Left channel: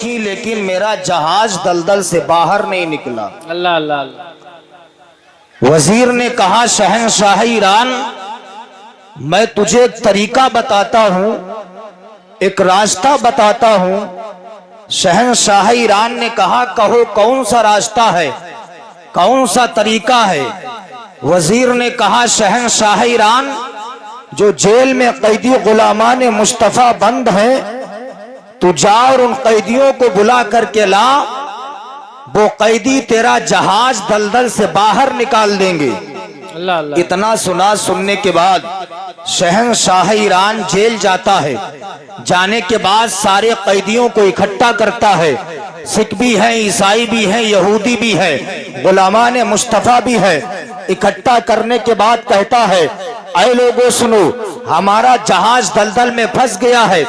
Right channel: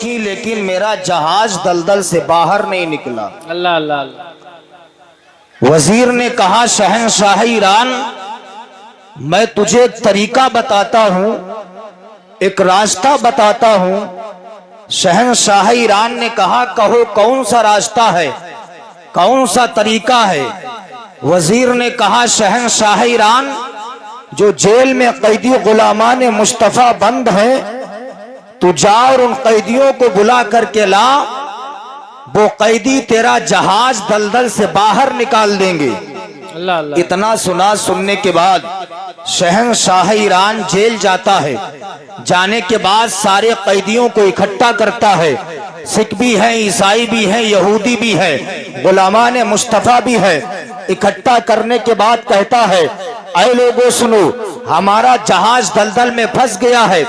لیکن میرا جہاز دلدل سے باہر نہیں نکلا۔ اللہ اللہ اللہ۔ وزیر نے کہا شہنشاہ ایران میں تجھے ایک طریقہ بتاتا ہوں، ایک راستہ بتاتا ہوں۔ شہنشاہ ایران نے کہا کہو کون سا راستہ ہے، کون سا طریقہ ہے؟ وزیر نے کہا شہنشاہ ایران جو جیل میں قیدی غلامان مصطفیٰ بند ہیں تو جا اور ان قیدیوں کو بلا کر کے لا، وہ قیدی تیرا جہاز دلدل سے باہر نکال دیں گے۔ اللہ اللہ۔ اتنا سننے کے بعد شہنشاہ ایران جیل جاتا ہے۔ جانے کے بعد سارے قیدیوں کو اکٹھا کرتا ہے، سکھ بھی ہیں، عیسائی بھی ہیں، یہودی بھی ہے، غلامان مصطفیٰ بھی ہے۔ اکٹھا کرنے کے بعد کہتا ہے اے لوگوں سنو، ہمارا جہاز دلدل میں پھنس گیا ہے،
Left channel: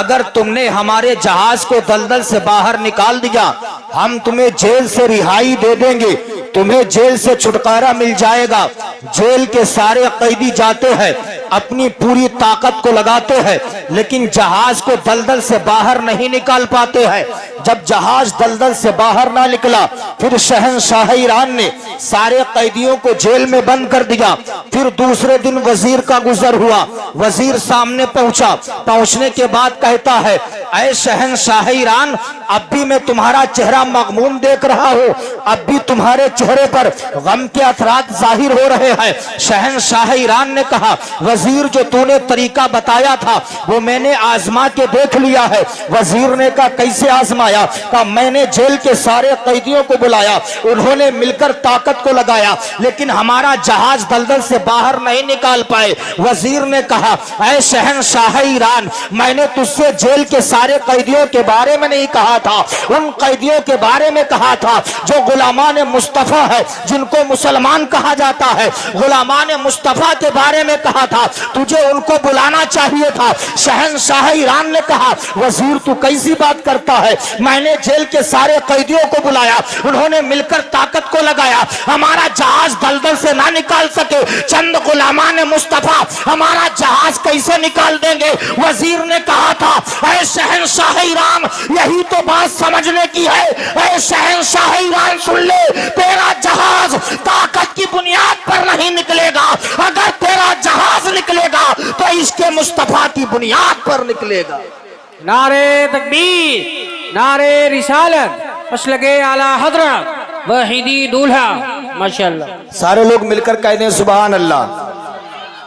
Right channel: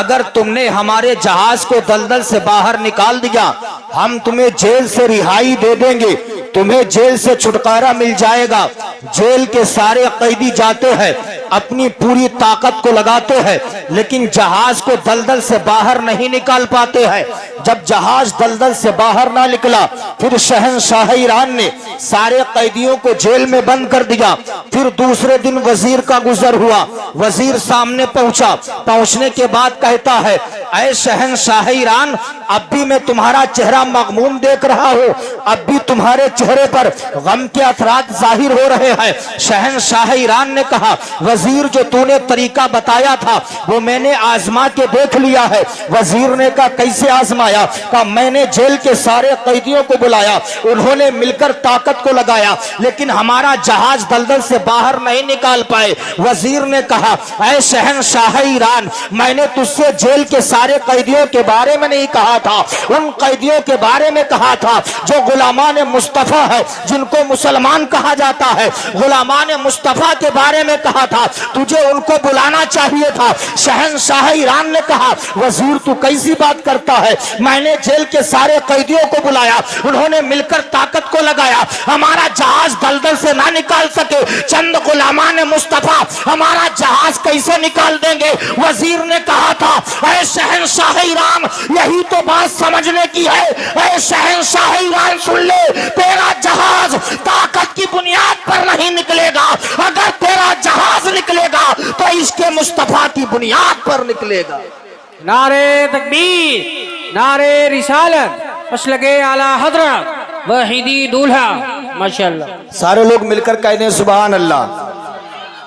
اگر تم نے ہمارے جہاز کو دلدل سے باہر نکال دیا ہم تمہیں جیل سے رہائی دے دیں گے، تمہیں جیل سے چھٹکارا مل جائے گا۔ جیل کے سارے قیدی جاتے ہیں، اپنی پوری طاقت کو لگاتے ہیں، لیکن جہاز کو دلدل سے باہر نہیں نکال پاتے ہیں۔ جب جہاز دلدل سے باہر نہ نکلا پھر شہنشاہ ایران نے سارے قیدیوں کو جیل میں بند کر دیا۔ پھر دوسرے دن وزیر کا گزر ہوا، وزیر سامنے پہنچا، پہنچنے کے بعد کہتا ہے اے شہنشاہ ایران اب بھی میں تمہارا چہرہ مغموم دیکھ رہا ہوں، اب بھی تمہارے چہرے پر غم کے اثرات ظاہر ہو رہے ہیں۔ شہنشاہ ایران نے کہا وزیر جو تو نے طریقہ بتایا تھا وہ میں نے آزما کے دیکھ لیا ہے۔ وزیر نے کہا کیسے آزمایا؟ کہا میں نے جیل کے سارے قیدیوں کو بلایا، انہوں نے مل کر طاقت کو لگایا لیکن ہمارا جہاز دلدل سے باہر نہیں نکال پائے۔ وزیر نے کہا اے شہنشاہ ایران میں نے تجھ سے جیل کے سارے قیدیوں کے بارے میں نہیں کہا تھا، ان قیدیوں کے بارے میں کہا تھا جو غلامان مصطفیٰ ہے، جن کو مسلمان کہا جاتا ہے، غلامان مصطفیٰ کے بارے میں کہا تھا، تجھے ان کو بلانا چاہیے تھا۔ شہنشاہ ایران نے کہا وزیر تو کیسی بات کرتا ہے، میں نے جیل کے سارے قیدیوں کو بلایا، انہوں نے مل کر طاقت کو لگایا، ہمارا جہاز دلدل سے نہ نکال سکے، چند غلامان مصطفیٰ ہمارا جہاز کیسے نکال دیں گے؟ وزیر نے کہا تھا اے شہنشاہ ایران یہی تو بات سمجھنے کی ہے۔ اے شہنشاہ ایران سن لے، تیرا جہاز طاقت کی بنیاد پر نہیں نکلے گا، اگر تیرا جہاز نکلے گا تو عشق مصطفیٰ کی بنیاد پر نکلے گا۔ نعرہ تکبیر، نعرہ رسالت، مسلک اعلی حضرت وحیدی دولہا، ماشاءاللہ۔ سارے لوگ مل کر کہہ دیں سبحان اللہ۔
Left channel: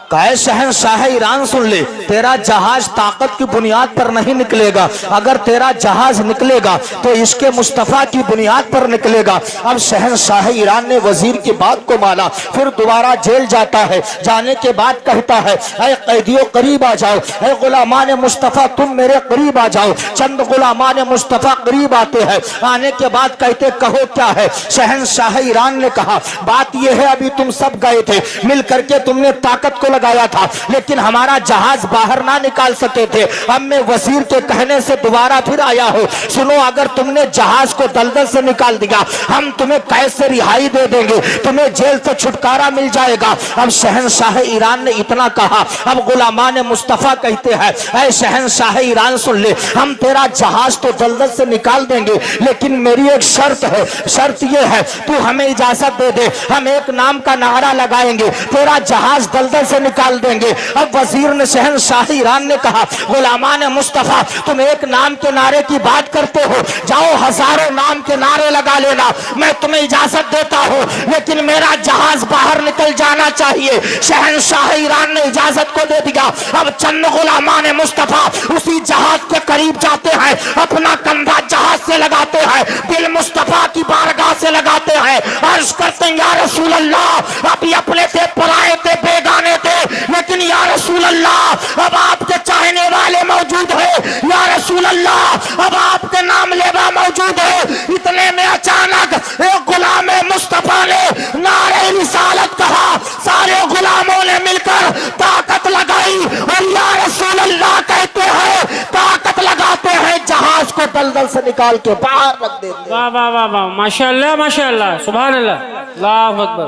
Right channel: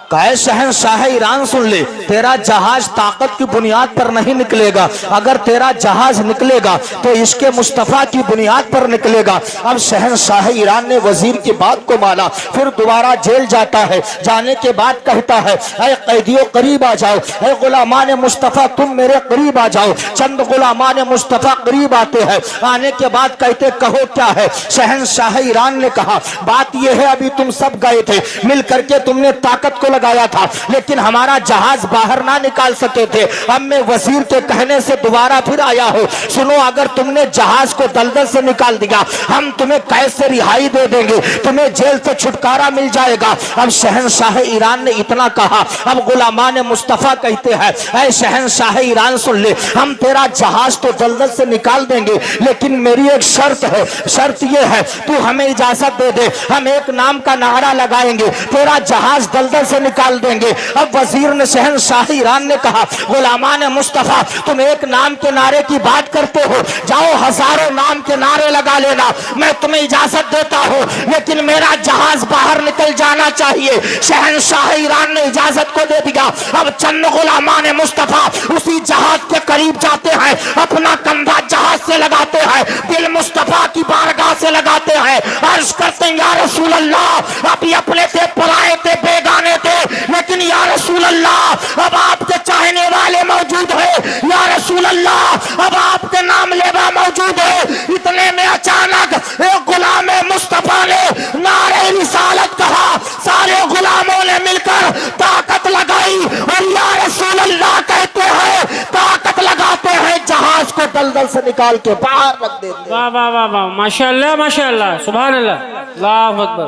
کہے شہنشاہ ایران سن لے، تیرا جہاز طاقت کی بنیاد پر نہیں نکلے گا، اگر تیرا جہاز نکلے گا تو عشق مصطفیٰ کی بنیاد پر نکلے گا۔ اب شہنشاہ ایران نے وزیر کی بات کو مانا، پھر دوبارہ جیل جاتا ہے۔ جانے کے بعد کہتا ہے اے قیدیوں قریب آ جاؤ، اے غلامان مصطفیٰ تم میرے قریب آ جاؤ۔ چند غلامان مصطفیٰ قریب آتے ہیں، آنے کے بعد کہتے کہو کیا ہے؟ شہنشاہ ایران نے کہا بات یہ ہے ابھی تم سب گئے تھے، مل کر کے تم نے طاقت کو لگایا تھا لیکن ہمارا جہاز باہر نہ نکال سکے تھے، اب میں وزیر کے کہنے سے دوبارہ پھر آیا ہوں، سنو اگر تم نے جہاز کو دلدل سے نکال دیا ہم تمہیں قید سے رہائی دے دیں گے، تمہیں جیل سے چھٹکارا مل جائے گا۔ اب شہنشاہ ایران نے اتنا کہا، اب غلامان مصطفیٰ کہتے ہیں اے شہنشاہ ایران سن لے، ہم تیرا جہاز تو دلدل سے نکال دیں گے لیکن میری ایک شرط ہے، شرط یہ ہے تو ہمیں اجازت دے دے، ہم ایک نام کا نعرہ لگائیں گے، تیرا جہاز دلدل سے نکال دیں گے۔ اب وزیر نے شہنشاہ ایران نے کہا غلامان مصطفیٰ تم ایک نام کے نعرے کی بات کرتے ہو، جاؤ ہزاروں نام کے نعرے لگا لینا، میں تمہیں اجازت دیتا ہوں لیکن میرا جہاز باہر نکل جانا چاہیے۔ شہنشاہ ایران نے اجازت کو دے دیا۔ اب چند غلامان مصطفیٰ اسی جہاز کے قریب جاتے ہیں، اپنا کندھا جہاز سے لگاتے ہیں، دل مصطفیٰ کی بارگاہ سے لگاتے ہیں، عرض کرتے ہیں یا رسول اللہ ابھی اپنے تھے، پرائے تھے، بیگانے تھے، لیکن یا رسول اللہ اب آپ کے چاہنے والے موجود ہیں، یا رسول اللہ اب آپ کے نام لیوا موجود ہے۔ اتنے میں اچانک ایک غلام مصطفیٰ نے نعرہ رسالت کہا، سارے غلاموں نے مل کر طاقت لگائی اور یا رسول اللہ کہتے ہیں طاقت لگاتے ہیں جہاز کو دلدل سے نکال کے باہر رکھ دیتے ہیں۔ واہ واہ واہ واہ، ماشاءاللہ ماشاءاللہ، سبحان اللہ، اللہ اکبر،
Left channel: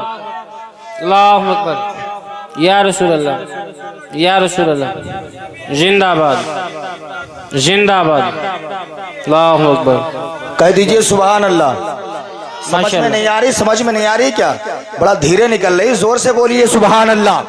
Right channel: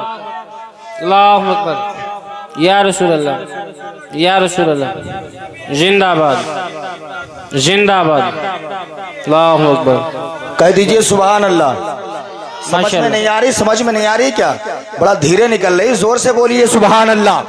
اللہ اکبر، یا رسول اللہ، یا رسول اللہ، زندہ باد، زندہ باد، اللہ اکبر. کہہ دیجئے سبحان اللہ. سمجھ ماشاء میں اللہ. نہیں آ رہی؟ سمجھ میں نہیں آ رہی کیا؟ بڑا دھیرے نکل رہی، زور سے بولیے سبحان اللہ.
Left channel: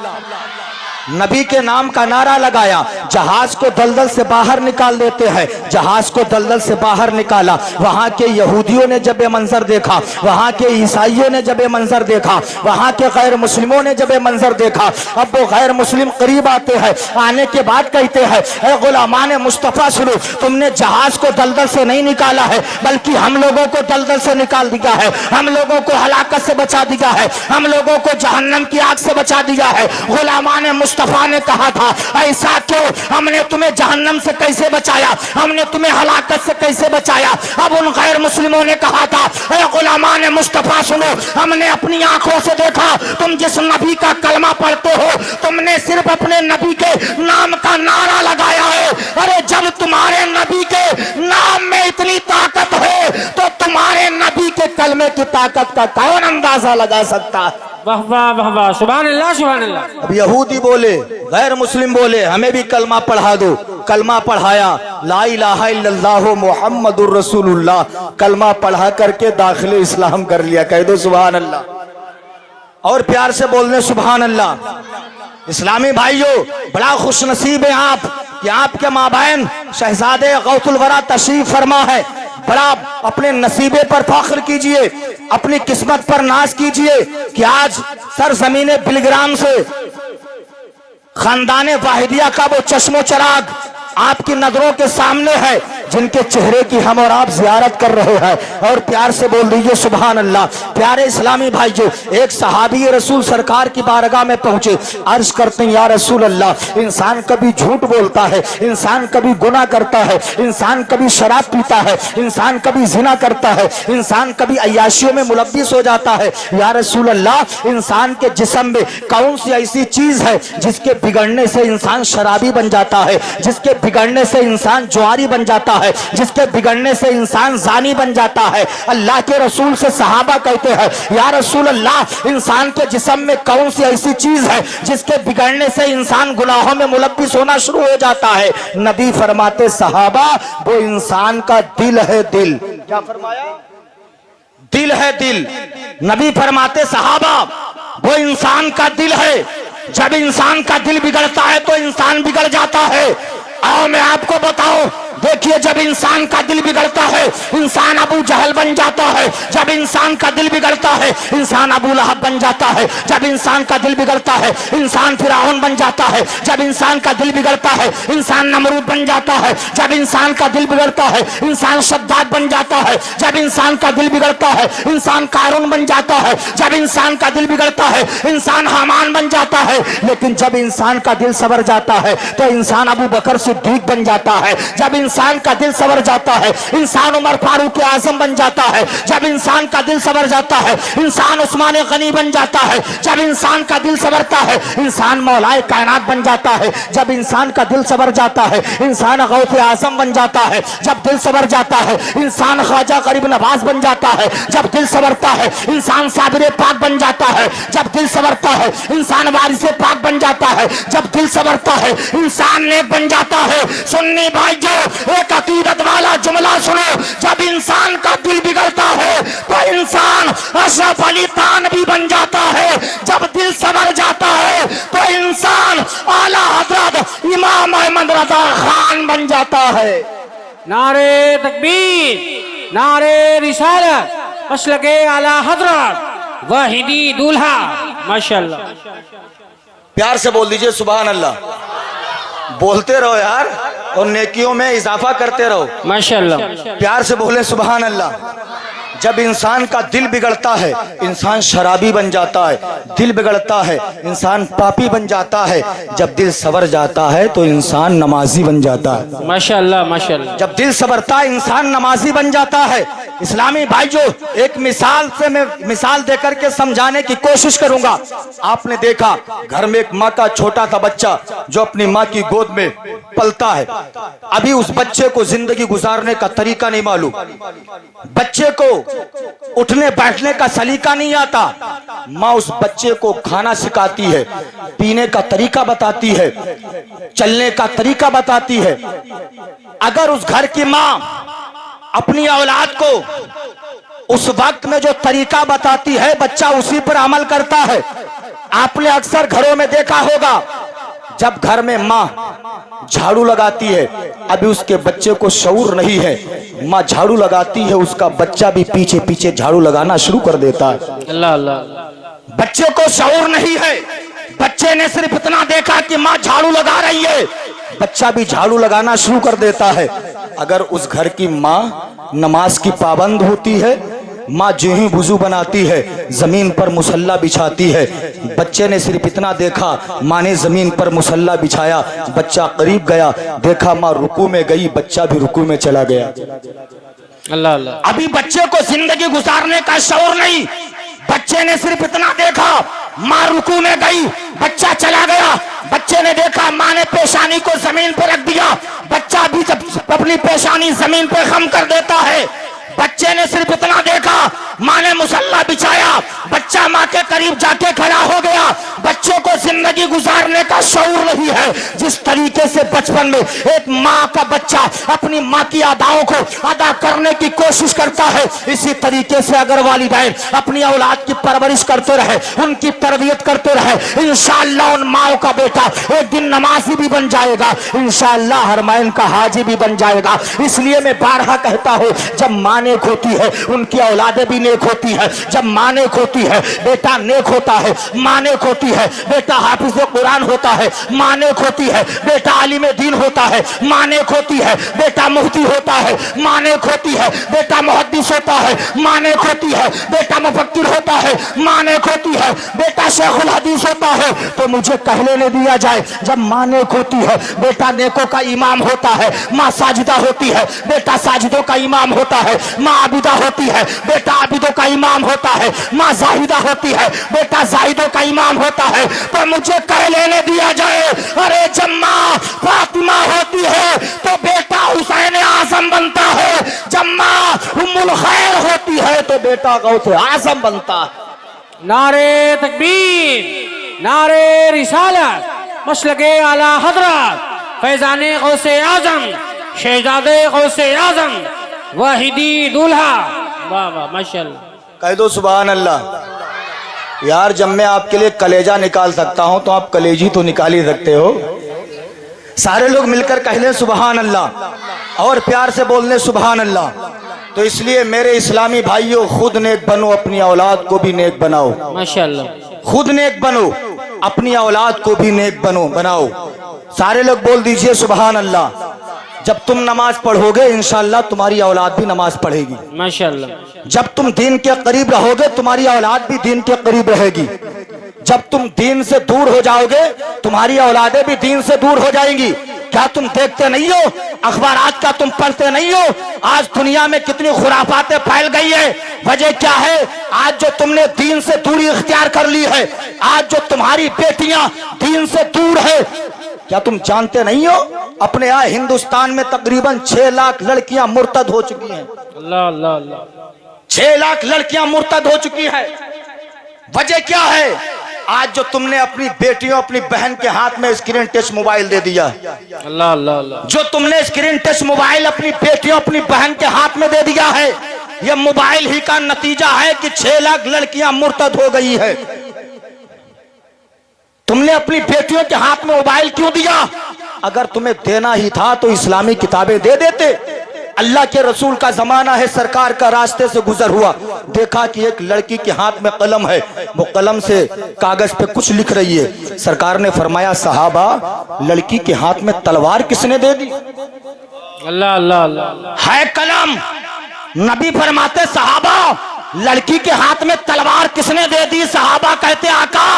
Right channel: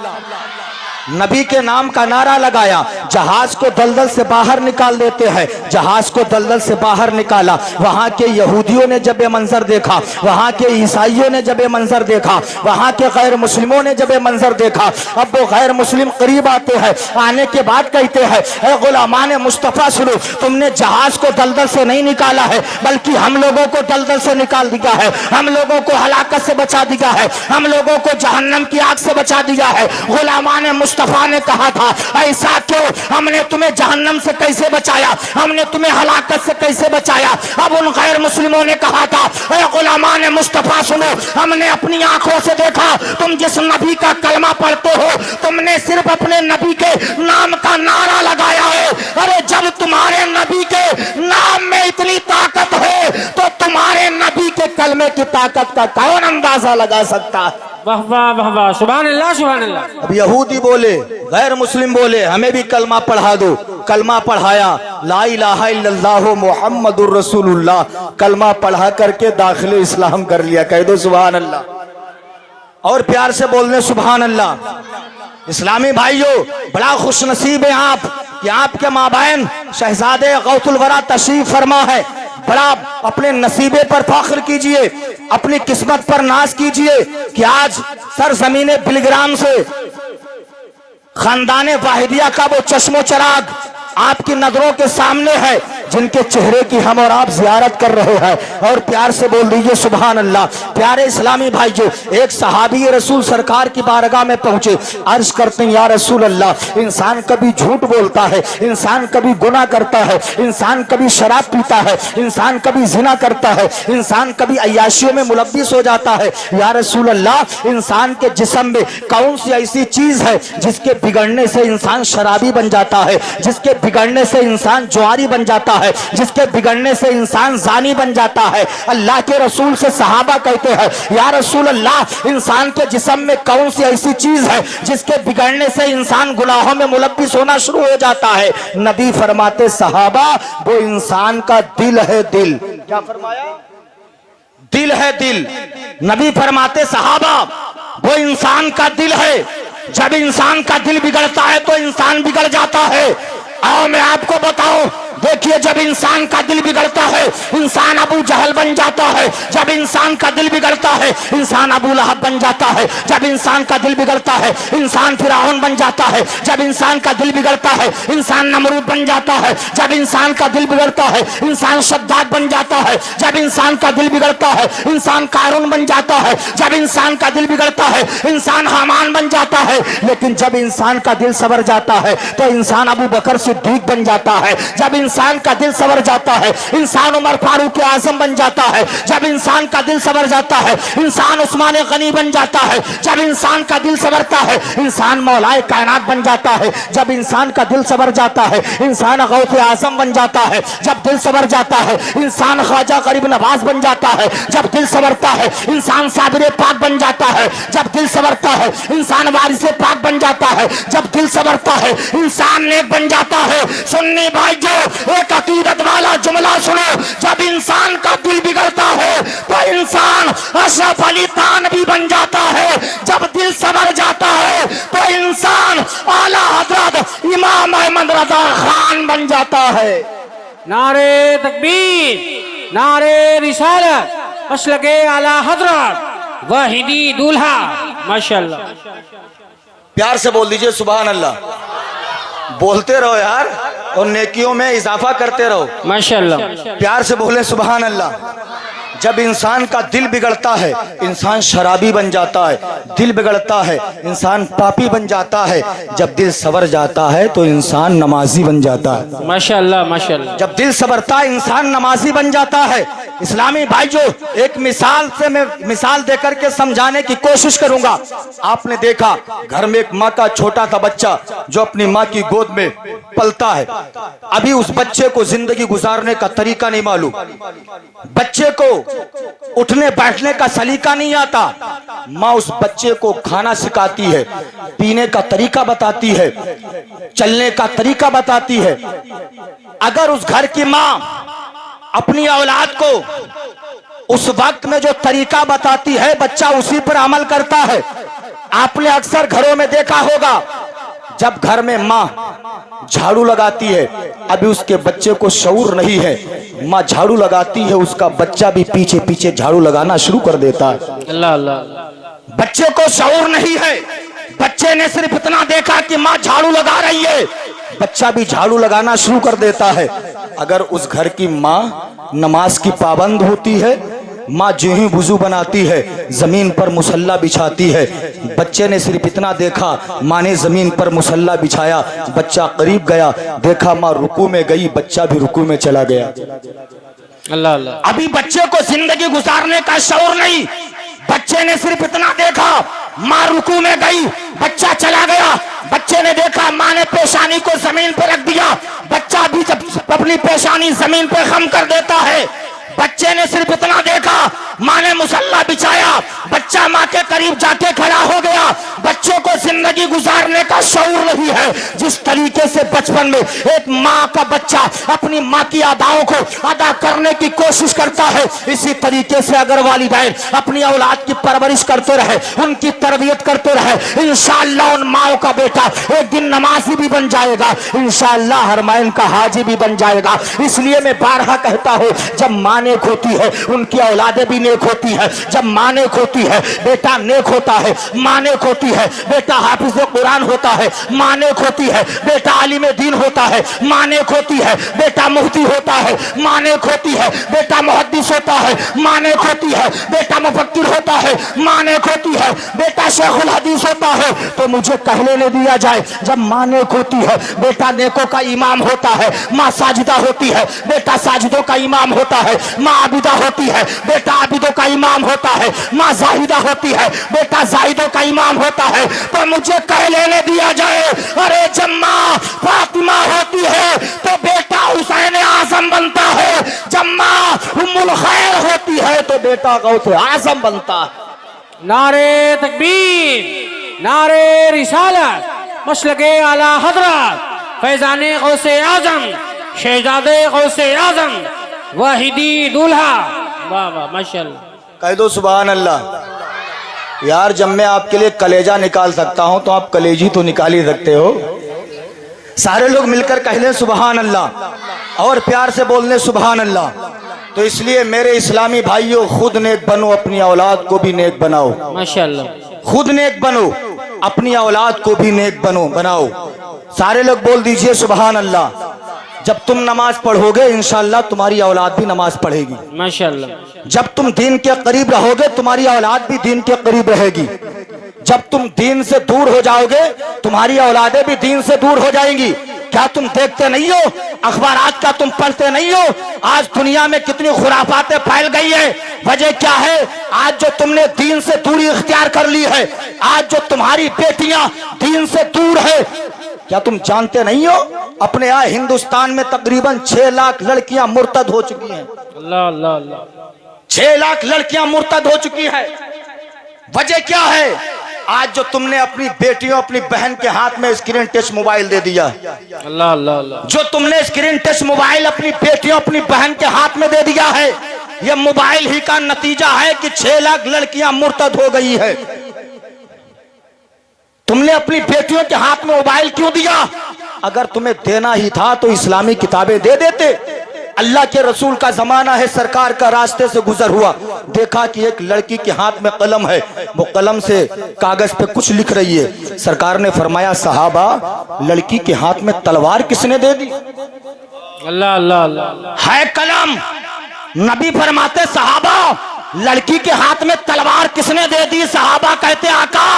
نبی کے نام کا نعرہ لگایا، جہاز کو دلدل سے باہر نکال دیتے ہیں. جہاز کو دلدل سے باہر نکالا. وہاں کے یہودیوں نے جب یہ منظر دیکھا، وہاں کے عیسائیوں نے جب یہ منظر دیکھا، وہاں کے غیر مسلموں نے جب یہ منظر دیکھا، اب وہ غیر مسلم قریب آتے ہیں. آنے کے بعد کہتے ہیں اے غلامان مصطفیٰ سنو، تم نے جہاز کو دلدل سے نہیں نکالا ہے بلکہ ہم لوگوں کو دلدل سے نکال دیا ہے، ہم لوگوں کو ہلاکت سے بچا دیا ہے، ہم لوگوں کو جہنم کی آگ سے بچا دیا ہے. غلامان مصطفیٰ نے کہا تھا ایسا کیوں؟ ہم نے تمہیں جہنم سے کیسے بچایا؟ ہم نے تمہیں ہلاکت سے کیسے بچایا؟ اب ان غیر مسلموں نے کہا تھا اے غلامان مصطفیٰ سنو، ہم نے اپنی آنکھوں سے دیکھا تم جس نبی کا کلمہ پڑھتے ہو، تم نے صرف اپنے نبی کے نام کا نعرہ لگایا ہے. ارے جب تمہارے نبی کے نام میں اتنی طاقت ہے تو تمہارے نبی کے کلمے کی طاقت کا کون اندازہ لگا سکتا ہے؟ واہ واہ واہ واہ. سبحان اللہ سبحان اللہ. اب یہودی بولے، غیر مسلم بولے ہمیں بھی کلمہ پڑھا دو. کلمہ پڑھایا، لا الہ الا اللہ محمد الرسول اللہ. کلمہ پڑھا کر کے داخل اسلام کر لیا. کہہ دو سبحان اللہ، اور پیار سے بولنے سبحان اللہ. اسلامی بھائیو، بڑا خوش نصیب ہیں آپ کہ آپ کے مابین شہزادے غوث الورا تشریف فرما ہے. بڑا اپنے نصیبے پر فخر کیجئے، اپنی قسمت پر ناز کیجئے کہ آج سرزمین بلگرام سے خاندان واحدیہ کا وہ چشم و چراغ آپ کی نظروں کے سامنے ہے، جن کے چہرے کی ہم اور آپ زیارت کر رہے ہیں. اور پیار سے بول دیجئے سبحان اللہ. پیارے اسلامی بھائیو، ایک صحابی رسول سرکار کی بارگاہ میں پہنچے، عرض کرتے ہیں یا رسول اللہ، انسان کبھی جھوٹ بولتا ہے، انسان کبھی گناہ کرتا ہے، انسان کبھی شراب پیتا ہے، انسان کبھی زنا کرتا ہے، انسان کبھی عیاشیوں میں ملوث ہو جاتا ہے. یا رسول اللہ، انسان کے جسم میں کون سی ایسی چیز ہے جس کے بگڑنے سے انسان شرابی بن جاتا ہے، جس کے بگڑنے سے انسان جواری بن جاتا ہے، جس کے بگڑنے سے انسان زانی بن جاتا ہے؟ اللہ کے رسول سے صحابہ کہتے ہیں یا رسول اللہ، انسان کے جسم میں کون سی ایسی چیز ہے جس کے بگڑنے سے انسان گناہوں میں ملوث ہونا شروع ہو جاتا ہے؟ نبی فرماتے صحابہ، وہ انسان کا دل ہے. دل کیا فرمایا؟ دل ہے. دل. نبی فرماتے صحابہ، وہ انسان کا دل ہے. جب انسان کا دل بگڑتا ہے تو انسان بگڑ جاتا ہے. اور میں آپ کو بتاؤں، دیکھیے جب انسان کا دل بگڑتا ہے انسان ابو جہل بن جاتا ہے. جب انسان کا دل بگڑتا ہے انسان ابو لہب بن جاتا ہے. جب انسان کا دل بگڑتا ہے انسان فرعون بن جاتا ہے. جب انسان کا دل بگڑتا ہے انسان نمرود بن جاتا ہے. جب انسان کا دل بگڑتا ہے انسان شداد بن جاتا ہے. جب انسان کا دل بگڑتا ہے انسان قارون بن جاتا ہے. جب انسان کا دل بگڑتا ہے انسان حامان بن جاتا ہے. لیکن جب انسان کا دل سنور جاتا ہے تو انسان ابو بکر صدیق بن جاتا ہے. جب انسان کا دل سنور جاتا ہے انسان عمر فاروق اعظم بن جاتا ہے. جب انسان کا دل سنور جاتا ہے انسان عثمان غنی بن جاتا ہے. جب انسان کا دل سنورتا ہے انسان مولائے کائنات بن جاتا ہے. جب انسان کا دل سنور جاتا ہے انسان غوث اعظم بن جاتا ہے. جب دل سنور جاتا ہے انسان خواجہ غریب نواز بن جاتا ہے. جب دل سنورتا ہے انسان صابر پاک بن جاتا ہے. جب دل سنورتا ہے انسان وارث پاک بن جاتا ہے. جب دل سنورتا ہے انسان نیک بن جاتا ہے. سنی بھائیو، ایک عقیدت والا جملہ سنو، جب انسان کا دل بگڑتا ہے تو انسان اشرف علی تھانوی بن جاتا ہے. جب دل سنور جاتا ہے تو انسان اعلی حضرت امام احمد رضا خان بن جاتا ہے. نعرے تکبیر، نعرے رسالت، مسلک اعلی حضرت واحدی دولہا. ماشاءاللہ. پیار سے بول دیجئے سبحان اللہ. بولتے رہو یار اور نیکیوں میں اضافہ کرتے رہو. ماشاءاللہ. پیار سے بولیں سبحان اللہ. جب انسان کا دل بگڑتا ہے انسان شرابی بن جاتا ہے. دل بگڑتا ہے انسان پاپی بن جاتا ہے. جب دل سنور جاتا ہے تو انسان نمازی بن جاتا ہے. ماشاءاللہ ماشاءاللہ. جب دل سنورتا ہے انسان نمازی بن جاتا ہے. اسلامی بھائیو، ایک مثال سے میں مثال دے کر کے سمجھانے کی کوشش کروں گا. آپ نے دیکھا گھر میں ایک ماں کا چھوٹا سا بچہ جو اپنی ماں کی گود میں پلتا ہے. ابھی اس بچے کو زندگی گزارنے کا طریقہ نہیں معلوم، بچے کو اٹھنے بیٹھنے کا سلیقہ نہیں آتا. ماں اس بچے کو کھانا سکھاتی ہے، پینے کا طریقہ بتاتی ہے، چلنے کا طریقہ بتاتی ہے. اگر اس گھر کی ماں اپنی اولاد کو اس وقت میں جو طریقہ بتاتی ہے بچہ اسی پر عمل کرتا ہے. آپ نے اکثر گھروں میں دیکھا ہوگا جب گھر میں ماں جھاڑو لگاتی ہے, ابھی اس کے بچے کو شعور نہیں ہے, ماں جھاڑو لگاتی ہے, اس کا بچہ بھی پیچھے پیچھے جھاڑو لگانا شروع کر دیتا ہے. اللہ اللہ. بچے کو شعور نہیں ہے, بچے نے صرف اتنا دیکھا کہ ماں جھاڑو لگا رہی ہے, بچہ بھی جھاڑو لگانا شروع کر دیتا ہے. اگر اس گھر کی ماں نماز کی پابند ہوتی ہے, ماں جو ہی وضو بناتی ہے زمین پر مصلی بچھاتی ہے, بچے نے صرف اتنا دیکھا, ماں نے زمین پر مصلی بچھایا, بچہ قریب گیا, دیکھا ماں رکوع میں گئی, بچہ بھی رکوع میں چلا گیا. اللہ اللہ. ابھی بچے کو زندگی گزارنے کا شعور نہیں, بچے نے صرف اتنا دیکھا ماں رکوع میں گئی, بچہ چلا گیا. بچے نے دیکھا ماں نے پیشانی کو زمین پہ رکھ دیا, بچہ بھی جب اپنی پیشانی زمین پہ خم کر دیتا ہے. بچے نے صرف اتنا دیکھا ماں نے مصلی بچھایا, بچہ ماں کے قریب جا کے کھڑا ہو گیا. بچے کو زندگی گزارنے کا شعور نہیں ہے. جس طریقے سے بچپن میں ایک ماں کا بچہ اپنی ماں کی اداؤں کو ادا کرنے کی کوشش کرتا ہے, اسی طریقے سے اگر والدین اپنی اولاد کی پرورش کرتے رہے, ان کی تربیت کرتے رہے, انشاءاللہ ان ماؤں کا بیٹا ایک دن نمازی بھی بن جائے گا, انشاءاللہ حرمین کا حاجی بھی بن جائے گا. اس لیے میں بارہا کہتا ہوں, جب ماں نیک ہوتی ہے ان کی اولادیں بھی نیک ہوتی ہے. جب ماں نیک ہوتی ہے بیٹا نیک ہوتا ہے, ماں نیک ہوتی ہے بیٹا حافظ قرآن ہوتا ہے, ماں نیک ہوتی ہے بیٹا عالم دین ہوتا ہے, ماں نیک ہوتی ہے بیٹا مفتی ہوتا ہے, ماں نیک ہوتی ہے بیٹا محدث ہوتا ہے, ماں نیک ہوتی ہے بیٹا مفکر ہوتا ہے, ماں نیک ہوتی ہے بیٹا شیخ الحدیث ہوتا ہے. تو مجھے کہہ لینے دیا جائے, جب ماں نیک ہوتی ہے بیٹا نیکوں کا امام ہوتا ہے, ماں ساجدہ ہوتی ہے بیٹا ساجدوں کا امام ہوتا ہے, ماں عابدہ ہوتی ہے بیٹا عابدوں کا امام ہوتا ہے, ماں زاہدہ ہوتی ہے بیٹا زاہدوں کا امام ہوتا ہے. تو مجھے کہہ لینے دیا جائے, ارے جب ماں فاطمہ ہوتی ہے تو بیٹا حسین اعظم بنتا ہے, جب ماں ام الخیر ہوتی ہے تو بیٹا غوث اعظم بنتا ہے. نعرے تکبیر, نعرے رسالت, مسلک اعلی حضرت فیضان غوث اعظم, شہزادے غوث اعظم, واحدی دولہا. واہ واہ ماشاءاللہ. کہہ دو سبحان اللہ. یار جب میں آپ کے لیے کلیجہ نکال سکتا ہوں تو آپ کلیجی تو نکال ہی سکتے ہو. سارے لوگ مل کر کہہ لیں سبحان اللہ, اور پیار سے بولنے سبحان اللہ. تو اس لیے میرے اسلامی بھائیوں, خود نیک بنو, اپنی اولاد کو بھی نیک بناؤ. ماشاءاللہ. خود نیک بنو, اپنی اولاد کو بھی نیک بناؤ. سارے لوگ بول دیجئے سبحان اللہ. جب تم نماز پڑھو گے انشاءاللہ تمہاری اولاد بھی نماز پڑھے گی. ماشاءاللہ. جب تم دین کے قریب رہو گے تمہاری اولاد بھی دین کے قریب رہے گی. جب تم دین سے دور ہو جاؤ گے تمہاری اولادیں بھی دین سے دور ہو جائیں گی. کیا تم دیکھتے نہیں ہو, اخبارات کا تم پڑھتے نہیں ہو, آج دنیا میں کتنی خرافاتیں پھیل گئی ہیں. وجہ کیا ہے؟ آج جو تم نے دین سے دوری اختیار کر لی ہے, آج جو تمہاری بیٹیاں دین سے دور ہے. کیا تم جانتے نہیں ہو اپنے یہاں ہندوستان میں تقریباً 6 لاکھ لڑکیاں مرتد ہو چکی ہیں. اللہ اللہ اللہ. 6 لاکھ لڑکیاں مرتد ہو چکی ہیں. وجہ کیا ہے؟ آج جو تم نے اپنی بیٹیوں اپنی بہن کے ہاتھ میں اسکرین ٹچ موبائل دے دیا. اللہ اللہ اللہ. جو تم نے اسکرین ٹچ موبائل اپنی بیٹیوں اپنی بہن کے ہاتھ میں دے دیا ہے, یہ موبائل ہی کا نتیجہ ہے کہ 6 لاکھ لڑکیاں مرتد ہو گئی ہے. تم نے اپنی بیٹیوں کے ہاتھ میں موبائل کیوں دیا؟ اگر تمہیں دینا ہی تھا تو اسلامی کتابیں دے دیتے. اللہ کے رسول کا زمانہ ہے, سرکار کا راستے سے گزر ہوا, دیکھا کہ ایک لڑکی کے ہاتھ میں قلم ہے, وہ قلم سے کاغذ پہ کچھ لکھ رہی ہے. سرکار نے فرمایا صحابہ لڑکی کے ہاتھ میں تلوار کس نے دے دی؟ اللہ اللہ اللہ. ہے قلم. نبی فرماتے صحابہ لڑکی کے ہاتھ میں تلوار کس نے دے دی؟ صحابہ کہتے آقا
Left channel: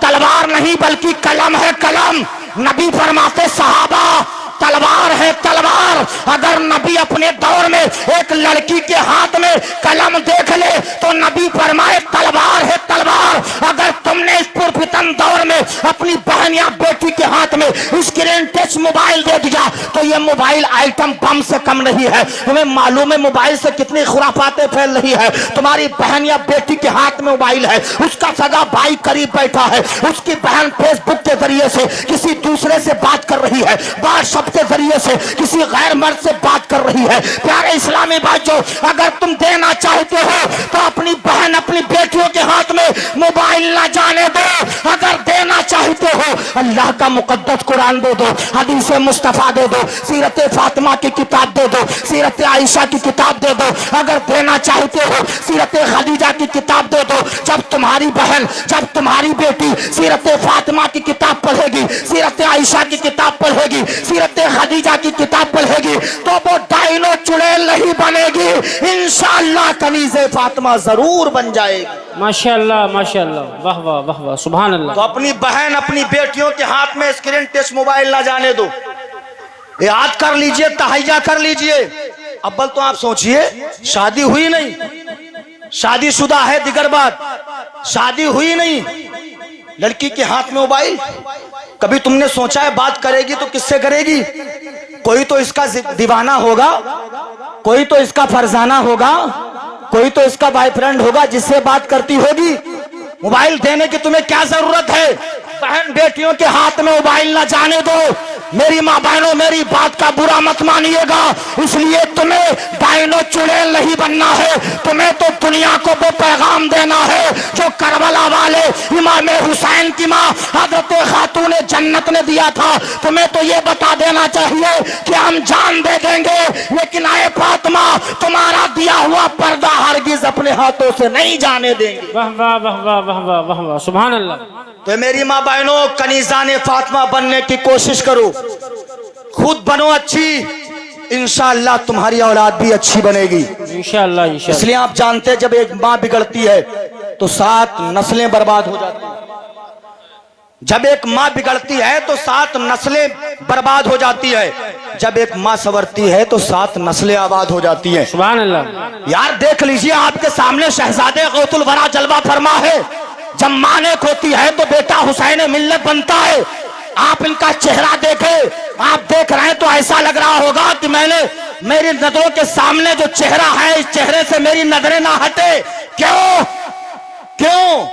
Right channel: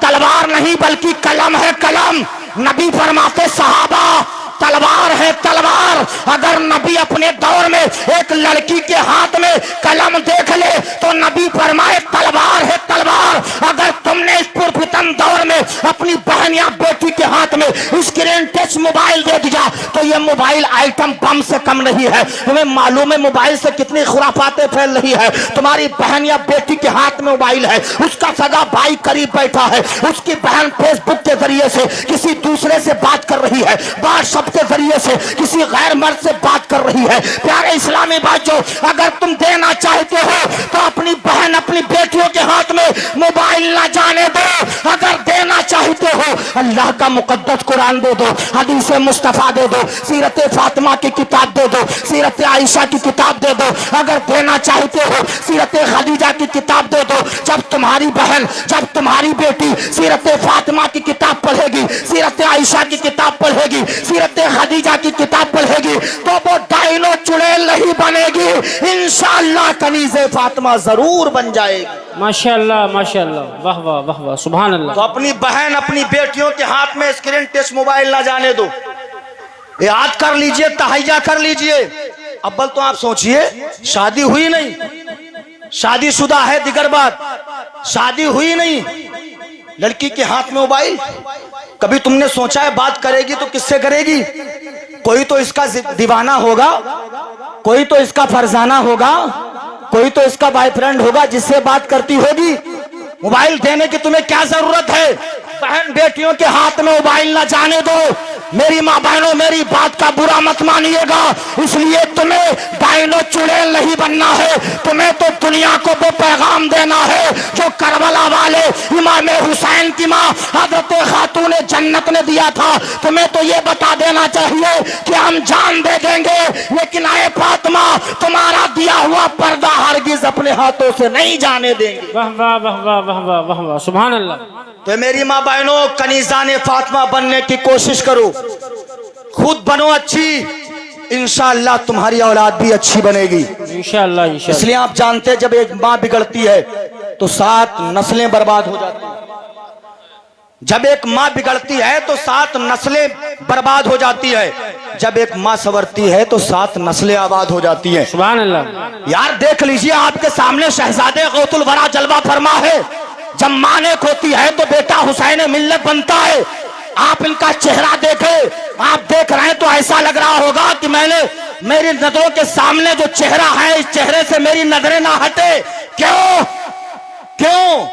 تلوار نہیں بلکہ قلم ہے, قلم. نبی فرماتے صحابہ تلوار ہے تلوار. اگر نبی اپنے دور میں ایک لڑکی کے ہاتھ میں قلم دیکھ لے تو نبی فرمائے تلوار ہے تلوار. اگر تم نے اس پرفتن دور میں اپنی بہن یا بیٹی کے ہاتھ ہاتھ میں اسکرین ٹچ موبائل دے دیا تو یہ موبائل آئٹم بم سے کم نہیں ہے. تمہیں معلوم ہے موبائل سے کتنی خرافاتیں پھیل رہی ہے. تمہاری بہن یا بیٹی کے ہاتھ میں موبائل ہے, اس کا سگا بھائی قریب بیٹھا ہے, اس کی بہن فیس بک کے ذریعے سے کسی دوسرے سے بات کر رہی ہے, واٹس ایپ کے ذریعے سے کسی غیر مرد سے بات کر رہی ہے. پیارے اسلامی بھائیو, اگر تم دینا چاہتے ہو تو اپنی بہن اپنی بیٹیوں کے ہاتھ میں موبائل نہ جانے دو. اگر دینا چاہتے ہو اللہ کا مقدس قرآن دے دو, حدیث مصطفیٰ دے دو, سیرت فاطمہ کی کتاب دے دو, سیرت عائشہ کی کتاب دے دو. اگر دینا چاہتے ہو سیرت خدیجہ کی کتاب دے دو. جب تمہاری بہن, جب تمہاری بیٹی سیرت فاطمہ کی کتاب پڑھے گی, سیرت عائشہ کی کتاب پڑھے گی, سیرت خدیجہ کی کتاب پڑھے گی تو وہ ڈائنو چڑیل نہیں بنے گی, انشاءاللہ کنیز فاطمہ ضرور بن جائے گی. ماشاءاللہ ماشاءاللہ, واہ واہ واہ واہ, سبحان اللہ. تو اپنی بہن اپنی بیٹیوں کے ہاتھ میں اسکرین ٹچ موبائل نہ جانے دو. یاد کر لیجئے, تہیہ کر لیجئے. اول تو آپ سوچئے, شادی ہوئی نہیں, شادی شدہ ہے دیگر بات, شادی ہوئی نہیں, لڑکی کے ہاتھ میں موبائل. کبھی تم نے سوچا ہے بات کرے گی تو کس سے کرے گی؟ کوئی تو اس کا دیوانہ ہوگا, کوئی تو اس کا فرزانہ ہوگا, کوئی تو اس کا بھائی فرینڈ ہوگا جس سے بات کرتی ہوگی. موبائل دینے کی تمہیں کیا ضرورت ہے؟ بہن بیٹیوں کے ہاتھ میں موبائل نہ جانے دو. میری ماں بہنوں, میری بات کا برا مت مانیے گا, اس لیے تمہیں ڈائنو چڑیل نہیں بننا ہے. تمہیں تو دنیا کو وہ پیغام دینا ہے جو کربلا والے امام حسین کی ماں حضرت خاتون جنت نے دیا تھا. تمہیں تو یہ بتا دینا چاہیے کہ ہم جان دے دیں گے, لیکن اے فاطمہ تمہارا دیا ہوا پردہ ہرگز اپنے ہاتھوں سے نہیں جانے دیں گے. واہ واہ واہ واہ واہ واہ واہ واہ, سبحان اللہ. تو میری ماں بہنوں, کنیزان فاطمہ بننے کی کوشش کرو, خود بنو اچھی, انشاءاللہ تمہاری اولاد بھی اچھی بنے گی انشاءاللہ انشاءاللہ. اس لیے آپ جانتے ہیں جب ایک ماں بگڑتی ہے تو 7 نسلیں برباد ہو جاتی ہیں. جب ایک ماں بگڑتی ہے تو 7 نسلیں برباد ہو جاتی ہے. جب ایک ماں سنورتی ہے تو 7 نسلیں آباد ہو جاتی ہیں. سبحان اللہ. یار دیکھ لیجئے, آپ کے سامنے شہزادے غوث الورا جلوہ فرما ہے. جب ماں نیک ہوتی ہے تو بیٹا حسین ملت بنتا ہے. آپ ان کا چہرہ دیکھیں, آپ دیکھ رہے ہیں تو ایسا لگ رہا ہوگا کہ میں نے میری نظروں کے سامنے جو چہرہ ہے اس چہرے سے میری نظریں نہ ہٹے. کیوں؟ کیوں؟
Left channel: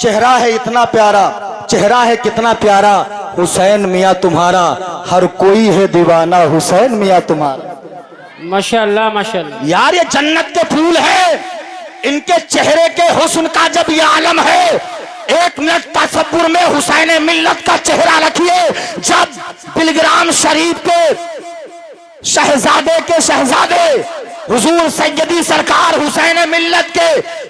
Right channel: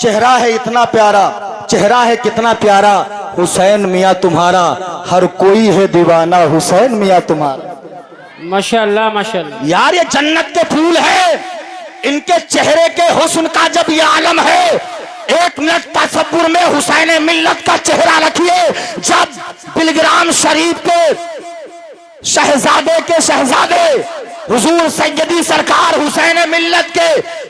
چہرہ ہے اتنا پیارا, چہرہ ہے کتنا پیارا, حسین میاں تمہارا, ہر کوئی ہے دیوانہ حسین میاں تمہارا. ماشاءاللہ ماشاءاللہ. یار یہ جنت کے پھول ہے, ان کے چہرے کے حسن کا جب یہ عالم ہے, 1 منٹ تصور میں حسین ملت کا چہرہ رکھیے. جب بلگرام شریف کے شہزادے کے شہزادے حضور سیدی سرکار حسین ملت کے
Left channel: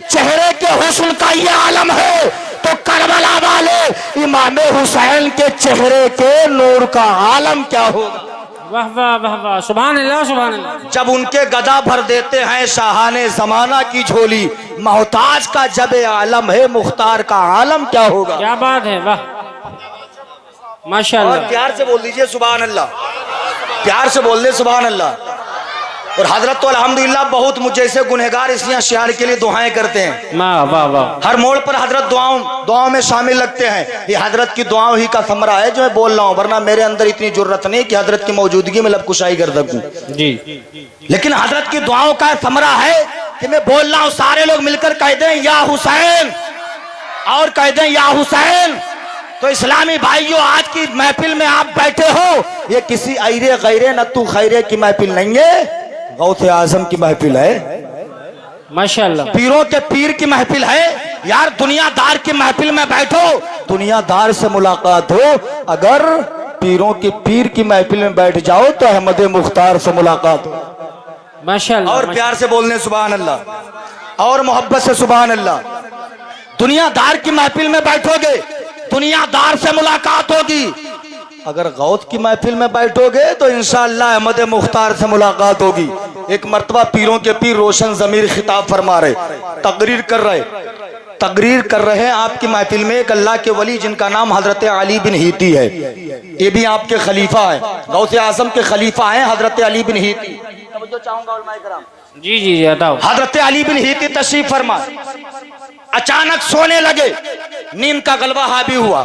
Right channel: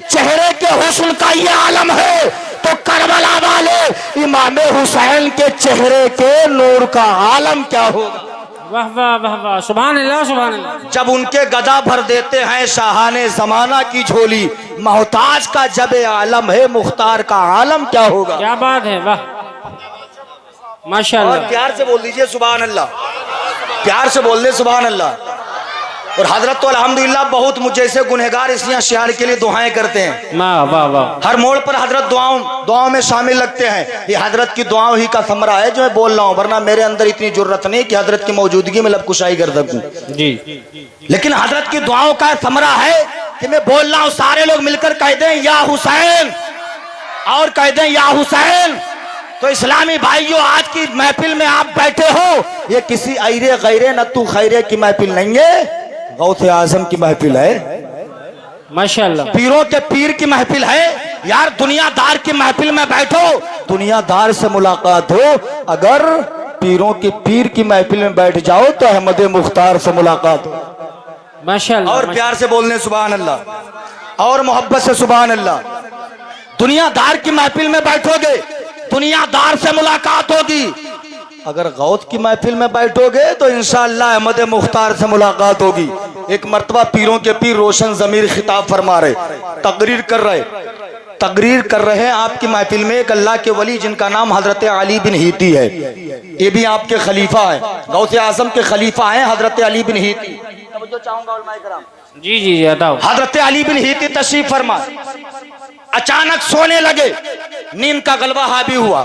چہرے کے حسن کا یہ عالم ہے تو کربلا والے امام حسین کے چہرے کے نور کا عالم کیا ہوگا؟ واہ واہ واہ واہ, سبحان اللہ سبحان اللہ. جب ان کے گدا بھر دیتے ہیں شاہان زمانہ کی جھولی, محتاج کا جب عالم ہے مختار کا عالم کیا ہوگا؟ کیا بات ہے, واہ اور ماشاءاللہ. پیار سے بول دیجئے سبحان اللہ, پیار سے بول دے سبحان اللہ. اور حضرت تو الحمدللہ بہت مجھ جیسے گنہگار اس لیے شعر کے لیے دعائیں کرتے ہیں. واہ واہ واہ, ہر موڑ پر حضرت دعاؤں میں شامل لگتے ہیں. یہ حضرت کی دعاؤں ہی کا ثمرہ ہے جو میں بول رہا ہوں, ورنہ میرے اندر اتنی جرت نہیں کہ حضرت کی موجودگی میں لب کشائی کر سکوں. جی لیکن حضرت کی دعاؤں کا ثمرہ ہے کہ میں بول رہا ہوں, سارے لوگ مل کر کہہ دیں یا حسین, اور کہہ دیں یا حسین. تو اسلامی بھائیوں, آج کی محفل میں آپ بیٹھے ہو, یہ کسی ایرے غیرے نتو خیرے کی محفل نہیں ہے, غوث اعظم کی محفل ہے, ماشاءاللہ. پیروں کے پیر کی محفل ہے. یار دنیا دار کی محفل میں بیٹھو, دنیا دار سے ملاقات ہو. اگر پیروں کی پیر کی محفل میں بیٹھ جاؤ تو احمد مختار سے ملاقات ہو. ماشاءاللہ. اور پیار سے بولنے سبحان اللہ, اور محبت سے سبحان اللہ. دنیا دار کی محفل میں بیٹھو گے, دنیا دار سے ملاقات ہوگی. اگر غوث کی محفل میں بیٹھو گے تو انشاءاللہ احمد مختار سے ملاقات ہوگی. ایک مرتبہ پیروں کے پیر روشن ضمیر خطاب فرما رہے, تقریر کر رہے ہیں آپ کی محفل میں. ایک اللہ کے ولی جن کا نام حضرت علی بن ہیتی ہے, یہ بھی آپ کے خلیفہ ہیں, غوث اعظم کے خلیفہ ہیں حضرت علی بن ہیتی. جی جی جی عطا. حضرت علی بن ہیتی تشریف فرما, اچانک سونے لگے, نیند کا غلبہ حاوی ہوا,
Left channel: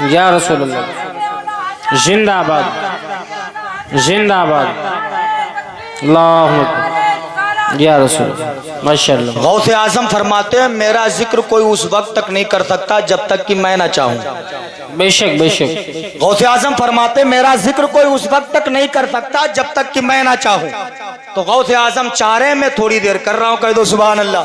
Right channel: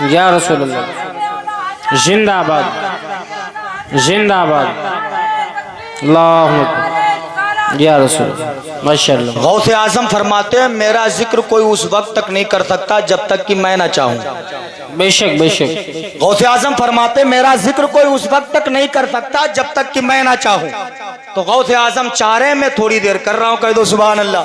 یا رسول اللہ زندہ آباد زندہ آباد اللہ اکبر یا رسول اللہ ماشاء اللہ غوث اعظم فرماتے ہیں میرا ذکر کوئی اس وقت تک نہیں کر سکتا جب تک کہ میں نہ چاہوں. بے شک بے شک غوث اعظم فرماتے ہیں میرا ذکر کوئی اس وقت تک نہیں کر سکتا جب تک کہ میں نہ چاہوں. تو غوث اعظم چاہ رہے ہیں میں تھوڑی دیر کر رہا ہوں, کہہ دو سبحان اللہ,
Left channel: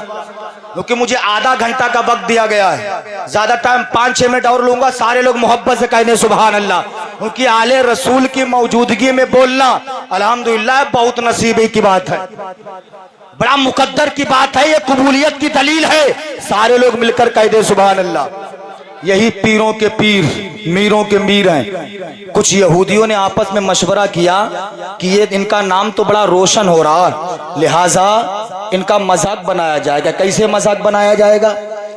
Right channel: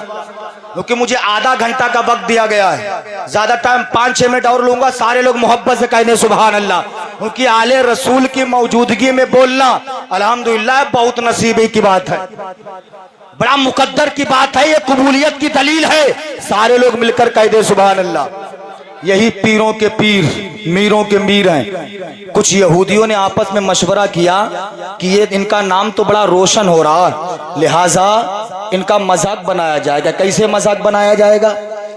کیونکہ مجھے آدھا گھنٹہ کا وقت دیا گیا ہے, زیادہ ٹائم 5-6 منٹ اور لوں گا. سارے لوگ محبت سے کہہ دیں سبحان اللہ, کیونکہ آل رسول کی موجودگی میں بولنا الحمدللہ بہت نصیبے کی بات ہے, بڑا مقدر کی بات ہے, یہ قبولیت کی دلیل ہے. سارے لوگ مل کر کہہ دیں سبحان اللہ. یہی پیروں کے پیر میروں کے میر ہیں. کچھ یہودیوں نے آپس میں مشورہ کیا کہ یہ ان کا نام تو بڑا روشن ہو رہا ہے, لہٰذا ان کا مذاق بنایا جائے گا. کیسے مذاق بنایا جائے گا